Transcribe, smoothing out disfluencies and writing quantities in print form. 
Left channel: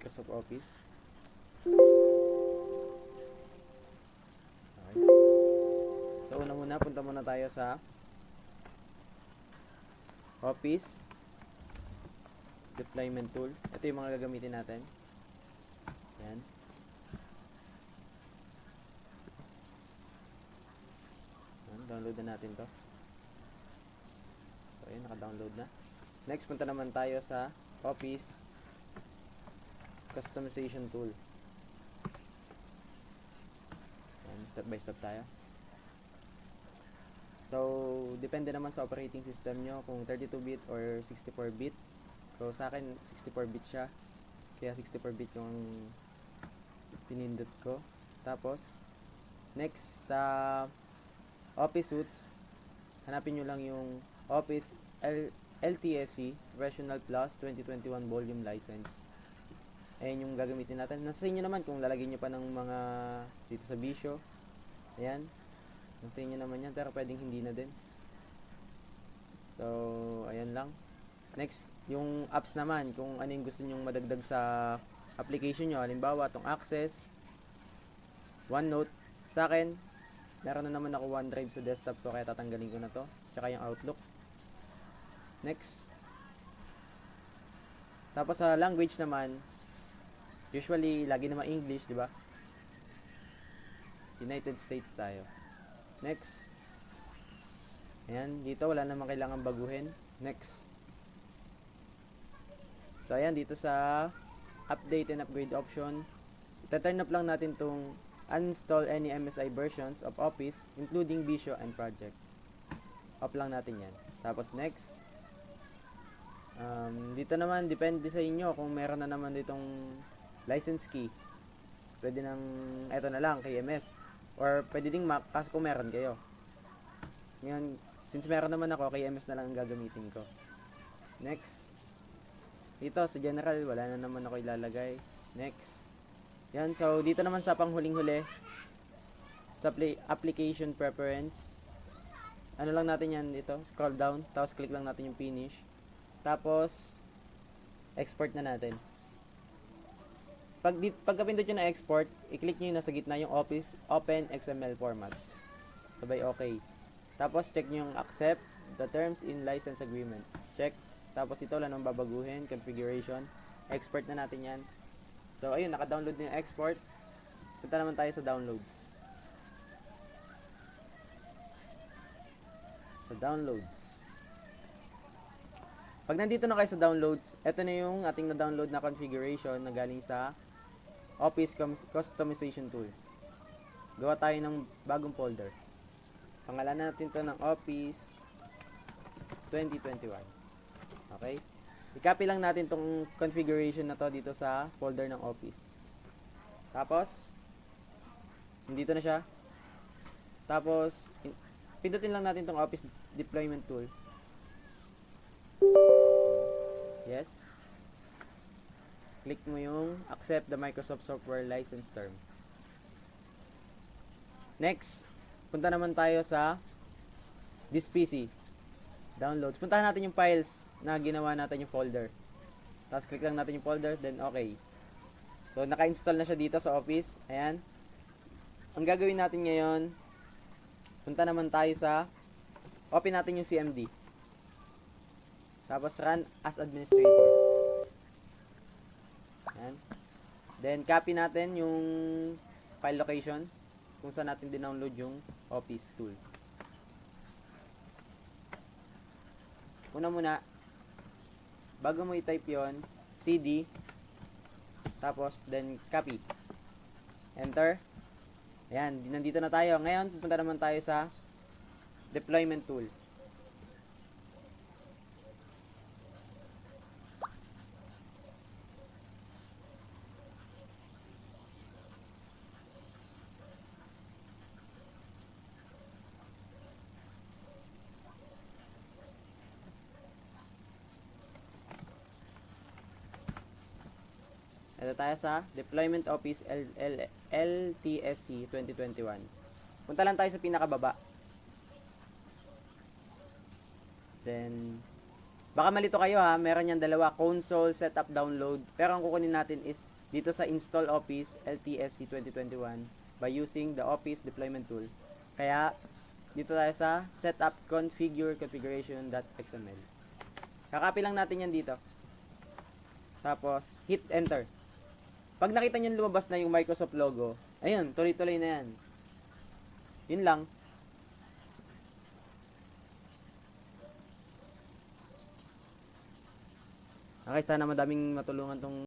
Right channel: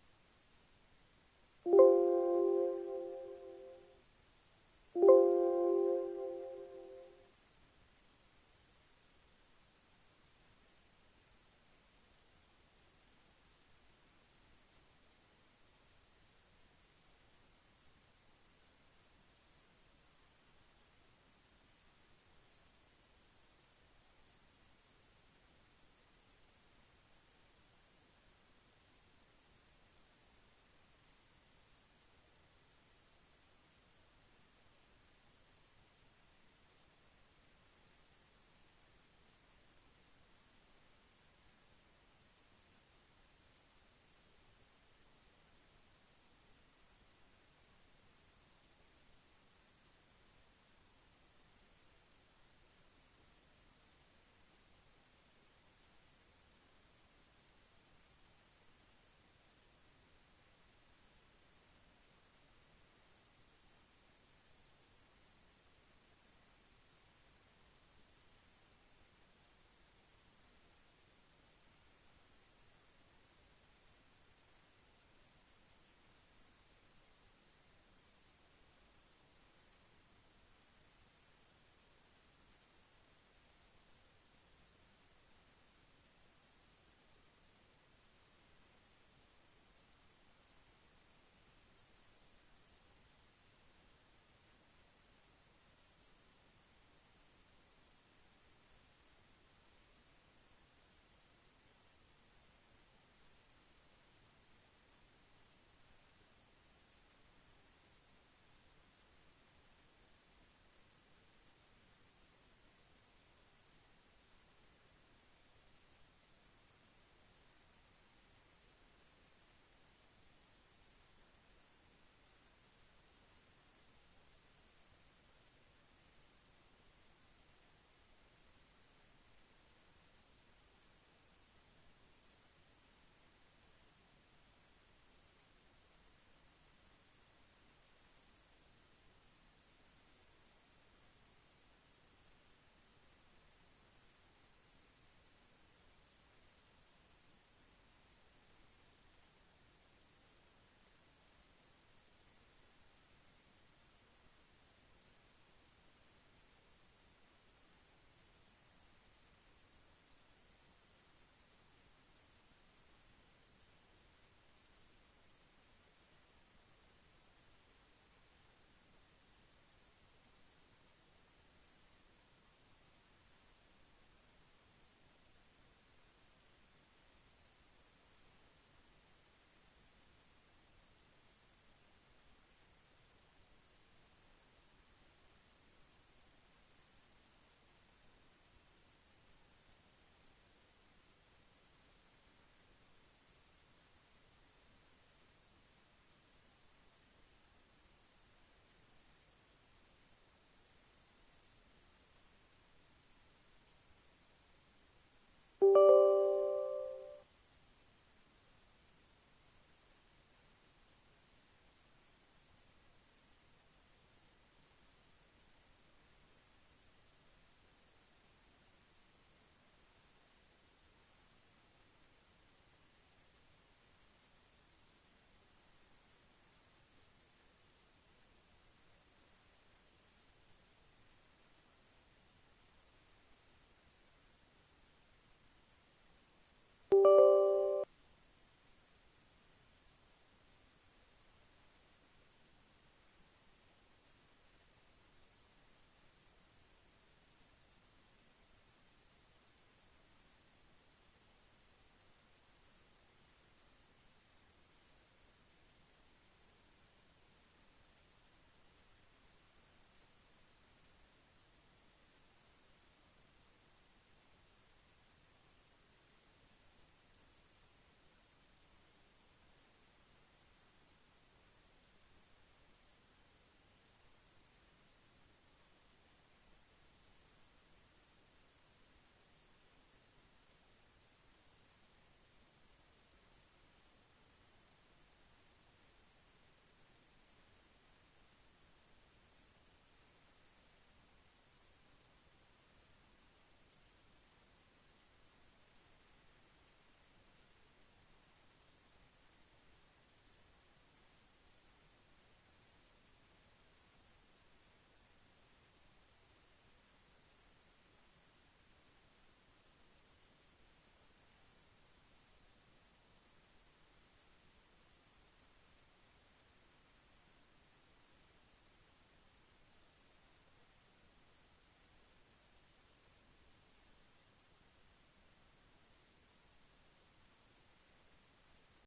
Microsoft Office. Okay. So una muna, punta muna tayo sa Office Deployment Tool. Ito yung mga gagamitin natin. Ayan. Ayan, download na natin to. So ayan, naka-download na. Next, punta naman tayo sa Office Customization Tool. Ayan, step by step tayo. So, depende naman sa operating system nyo kung 32-bit or 64-bit. So, sa akin, 64-bit siya. Kaya 64-bit yung pinindot ko. Tapos, next, sa Office Suites, hanapin nyo lang yung Office LTSC Professional Plus 2021 Volume License. Ayan yung gagamitin natin. Nasa inyo naman kung lalagyan nyo pa ng mga dito sa Visio. Ayan. Nasa inyo naman yan, pero pwedeng hindi na din. So, ayan lang. Next, yung apps naman, kung ano yung gusto nyong madagdag sa application nyo. Halimbawa, itong Access, OneNote. Sa akin, meron na naman ako OneDrive sa desktop ko, kaya tatanggalin ko na to. Tsaka yung Outlook. Next. Tapos sa language naman, usually, lagi naman English, di ba? United States tayo. Next. Ayan, dito wala namang kailangan baguhin. Next. So, ayan, dito sa update and upgrade option, ita-turn up lang natin tong uninstall any MSI versions of Office, including Visio and Project. Off lang natin yan. Tapos, next. Dito naman, depende sa inyo kung meron na naman ditong license key. Pwede nang, eto na lang, KMS. Or pwede ding Mac, kasi kung meron kayo. Ngayon, since meron naman ako, KMS na lang ang gagamitin ko. Next. Dito, sa general, wala na naman ako ilalagay. Next. Yan, so dito naman sa panghuling-huli, sa application preference, ano lang natin yan dito, scroll down, tapos click lang natin yung finish. Tapos, export na natin. Pagkapindot nyo na export, i-click nyo yung nasa gitna yung Office Open XML formats. Sabay okay. Tapos check nyo yung accept the terms in license agreement. Check. Tapos ito wala nang babaguhin, configuration. Export na natin yan. So ayun, naka-download na yung export. Punta naman tayo sa downloads. Sa downloads. Pag nandito na kayo sa downloads, ito na yung ating na-download na configuration na galing sa Office Customization Tool. Gawa tayo ng bagong folder. Pangalanan natin to ng Office 2021. Okay? I-copy lang natin tong configuration na to dito sa folder ng Office. Tapos, dito na siya. Tapos, pindutin lang natin tong Office Deployment Tool. Yes. Click mo yung accept the Microsoft Software License Term. Next, punta naman tayo sa this PC. Downloads. Puntahan natin yung files na ginawa natin yung folder. Tapos click lang natin yung folder, then okay. So, naka-install na siya dito sa Office. Ayan. Ang gagawin natin ngayon, punta naman tayo sa, open natin yung CMD. Tapos run as administrator. Ayan. Then, copy natin yung file location kung saan natin din-download yung Office tool. Muna, bago mo i-type yon, CD, tapos, then, copy. Enter. Ayan, nandito na tayo. Ngayon, pupunta naman tayo sa deployment tool. Ito tayo sa Deployment Office LTSC 2021. Punta lang tayo sa pinakababa. Then, Baka malito kayo ha, meron yan dalawa, console, setup, download. Pero ang kukunin natin is dito sa install Office LTSC 2021 by using the Office deployment tool. Kaya dito tayo sa setup configure configuration.xml. Kakopy lang natin yan dito. Tapos hit enter. Pag nakita niyo lumabas na yung Microsoft logo, ayun, tuloy-tuloy na yan. Yun lang. Okay, sana madaming matulungan tong